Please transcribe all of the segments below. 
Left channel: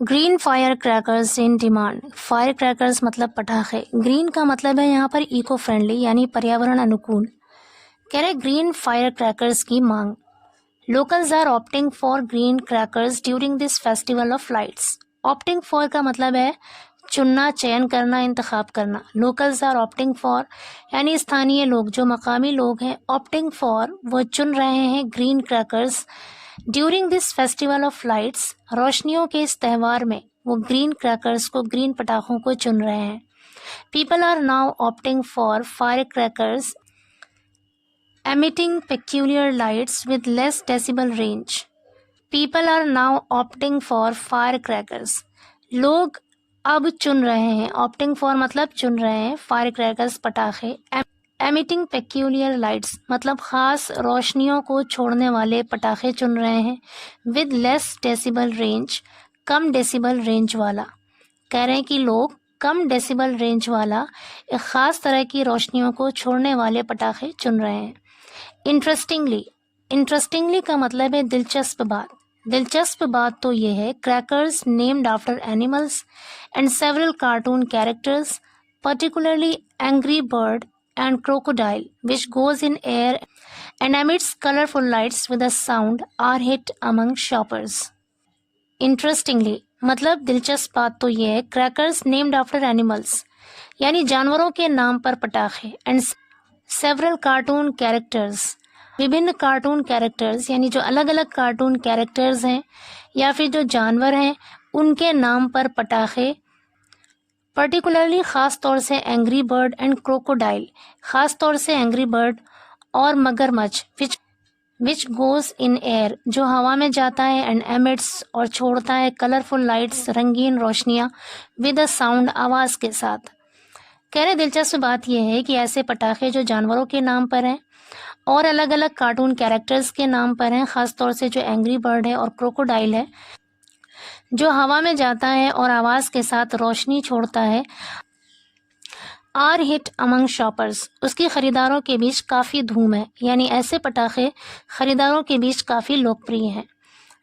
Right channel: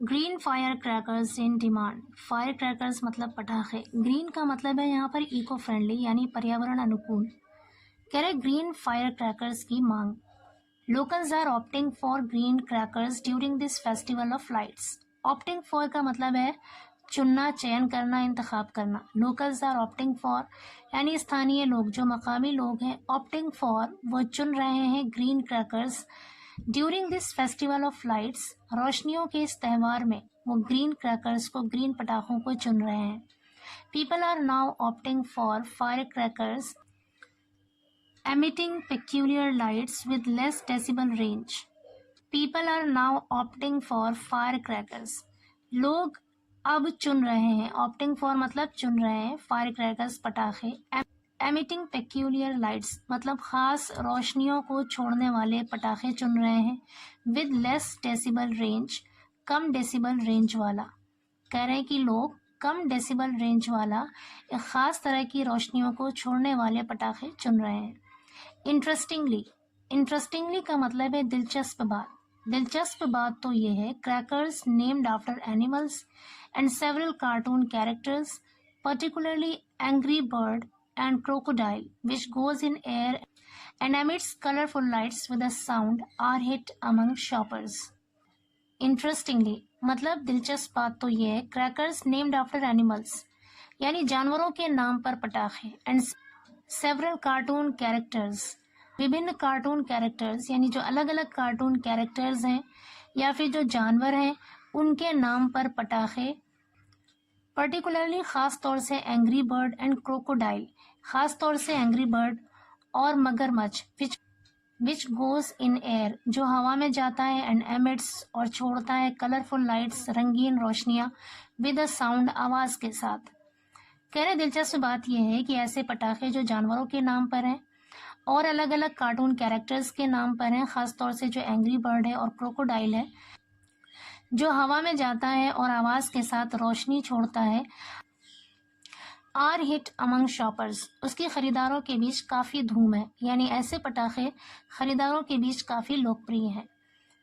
Green fire crackers in demand. Fire crackers मतलब पटाखे। Green का मतलब है यहाँ पर इको फ्रेंडली यानी पर्यावरण अनुकूल। कह रहे ग्रीन फायर क्रैकर्स की मांग। Locals are opting for green crackers during this festival of lights. Opting for का मतलब है चुनना, चयन करना, इंतखाब करना। लोकल्स आर ऑप्टिंग फॉर यानी स्थानीय लोग, जो मकामी लोग हैं। ऑप्टिंग फॉर वो चुन रहे हैं green crackers during this festival of lights, रोशनियों के इस त्यौहार में वो ग्रीन क्रैकर्स को, ग्रीन पटाखों को चुन रहे हैं। People are now opting for fire crackers emitting peculiar lights with less decibel range. People are now opting for firecrackers. लोग अब चुन रहे हैं, opting for मतलब चुन रहे हैं, firecrackers पटाखे। emitting peculiar lights मतलब खास रोशनियों को छोड़ने वाले पटाखे चुन रहे हैं। with less decibel range come decibel range वाला। कह रहे हैं कि लोग कम डेसिबल रेंज वाला एक ख़ास तरह की रोशनियों को छोड़ने वाले पटाखे चुन रहे हैं। इंटरेस्टिंगली का मतलब है दिलचस्प बात। दिलचस्प बात तो ये है, crackers named after animals and several cartoon characters, particularly angry bird and crocodile which goes in air and emits colourful lights with a sound, are hit among shoppers. Interestingly मतलब दिलचस्प बात तो ये है, क्रैकर्स नेम्ड आफ्टर एनिमल्स यानी जानवरों के नाम पर पटाखे, एंड सेवरल कार्टून कैरेक्टर्स विभिन्न कार्टून कैरेक्टर्स यानी जो अलग अलग कार्टून कैरेक्टर्स हैं या फिर जो जानवर हैं उनके नाम पर पटाखे, पर्टिकुलरली ख़ास तौर से एंग्री बर्ड एंड क्रोकोडाइल, ख़ास तौर से एंग्री बर्ड और मगरमच्छ, विच गोज इन एयर जो हवा में जाता है, एंड एमिट्स और छोड़ता है कलरफुल लाइट्स रंगीन रोशनियाँ, विद अ साउंड आवाज़ के साथ। कह रहे दिलचस्प बात यह है कि ऐसे पटाखे जो जानवरों के नाम पर हैं और अलग अलग कार्टून कैरेक्टर्स के नाम पर हैं, ख़ास तौर से जो एंग्री बर्ड है और क्रोकोडाइल है, जो हवा में जाता है और आवाज़ के साथ रोशनी छोड़ता है, आर हिट अमंग शॉपर्स उसकी ख़रीदारों के बीच काफ़ी धूम है, यानी ऐसे पटाखे ख़रीदारों के बीच काफ़ी लोकप्रिय हैं।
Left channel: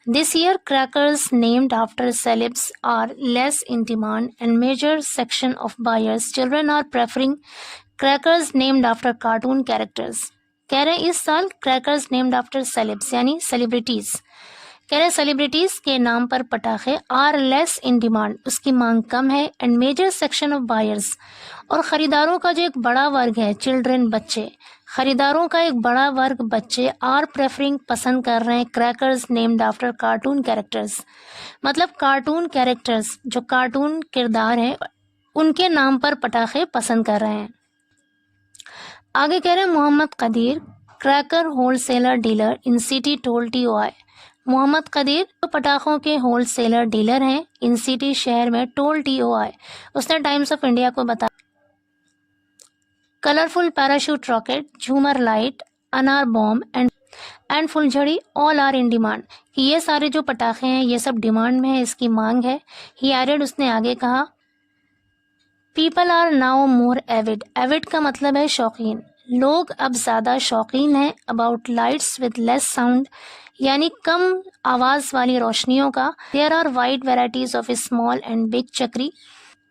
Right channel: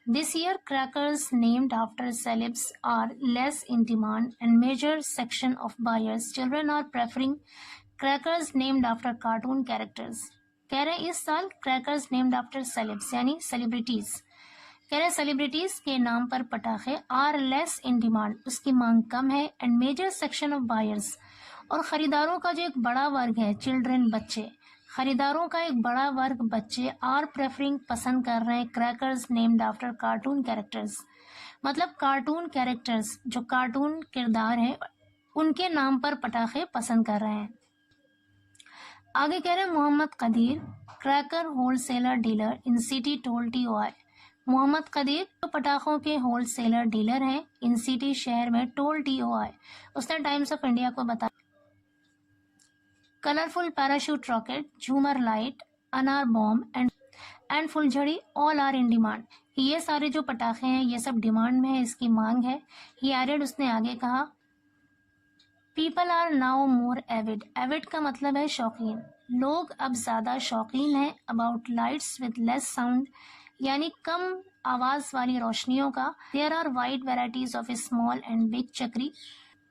This year, crackers named after celebs are less in demand, and major section of buyers' children are preferring crackers named after cartoon characters. कह रहे इस साल क्रैकर्स नेम्ड आफ्टर सेलेब्स यानी सेलिब्रिटीज़, कह रहे सेलिब्रिटीज़ के नाम पर पटाखे आर लेस इन डिमांड उसकी मांग कम है, and major section of buyers और ख़रीदारों का जो एक बड़ा वर्ग है, चिल्ड्रन बच्चे, ख़रीदारों का एक बड़ा वर्ग बच्चे आर प्रेफरिंग पसंद कर रहे हैं crackers named after cartoon characters, मतलब कार्टून कैरेक्टर्स जो कार्टून किरदार हैं उनके नाम पर पटाखे पसंद कर रहे हैं। आगे कह रहे हैं Mohammad Kadir, cracker wholesaler dealer in city told TOI। Mohammad Kadir तो पटाखों के होलसेलर डीलर हैं इन सिटी शहर में, टोल TOI उसने टाइम्स ऑफ इंडिया को बताया। कलरफुल पैराशूट रॉकेट, झूमर लाइट, अनार बॉम्ब एंड फुलझड़ी ऑल आर इन डिमांड, कि ये सारे जो पटाखे हैं ये सब डिमांड में है, इसकी मांग है। ही एडेड उसने आगे कहा, people are now more avid. Avid का मतलब है शौकीन। लोग अब ज़्यादा शौकीन हैं about lights with less sound यानी कम आवाज़ वाली रोशनियों का। There are wide varieties of small and big chakri,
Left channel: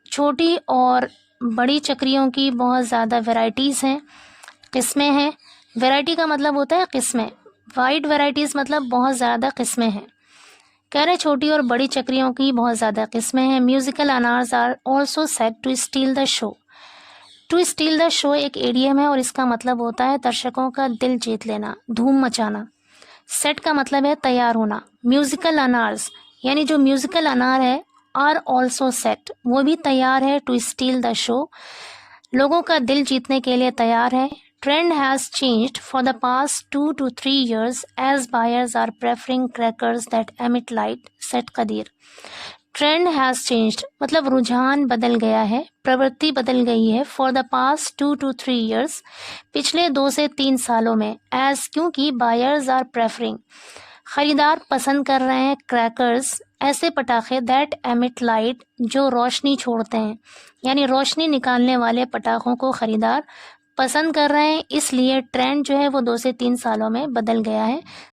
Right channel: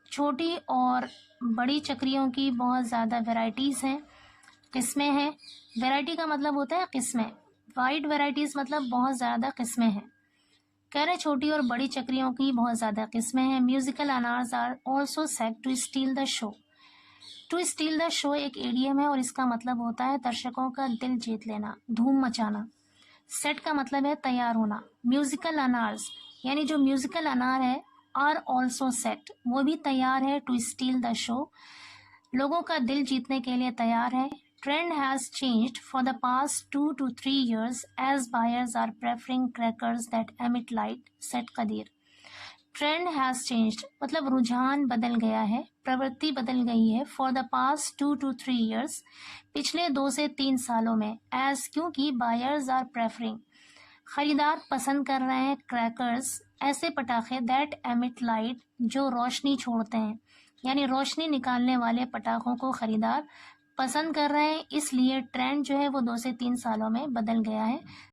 छोटी और बड़ी चक्रियों की बहुत ज़्यादा वेराइटीज़ हैं, किस्में हैं। वैरायटी का मतलब होता है किस्में, वाइड वेराइटीज़ मतलब बहुत ज़्यादा किस्में हैं। कह रहे छोटी और बड़ी चक्रियों की बहुत ज़्यादा किस्में हैं। Musical anars are also set to steal the show. To steal the show एक एडियम है और इसका मतलब होता है दर्शकों का दिल जीत लेना, धूम मचाना। सेट का मतलब है तैयार होना। म्यूज़िकल अनार्स यानी जो म्यूज़िकल अनार है, आर ऑल्सो सेट वो भी तैयार है, टू स्टील द शो लोगों का दिल जीतने के लिए तैयार है। Trend has changed for the past 2 to 3 years as buyers are preferring crackers that emit light, said Qadir. Trend has changed मतलब रुझान बदल गया है, प्रवृत्ति बदल गई है। For the past 2 to 3 years पिछले 2 से 3 सालों में, as क्योंकि buyers are preferring खरीदार पसंद कर रहे हैं क्रैकर्स ऐसे पटाखे that emit light जो रोशनी छोड़ते हैं, यानी रोशनी निकालने वाले पटाखों को खरीदार पसंद कर रहे हैं। इसलिए ट्रेंड जो है वो 2 से 3 सालों में बदल गया है।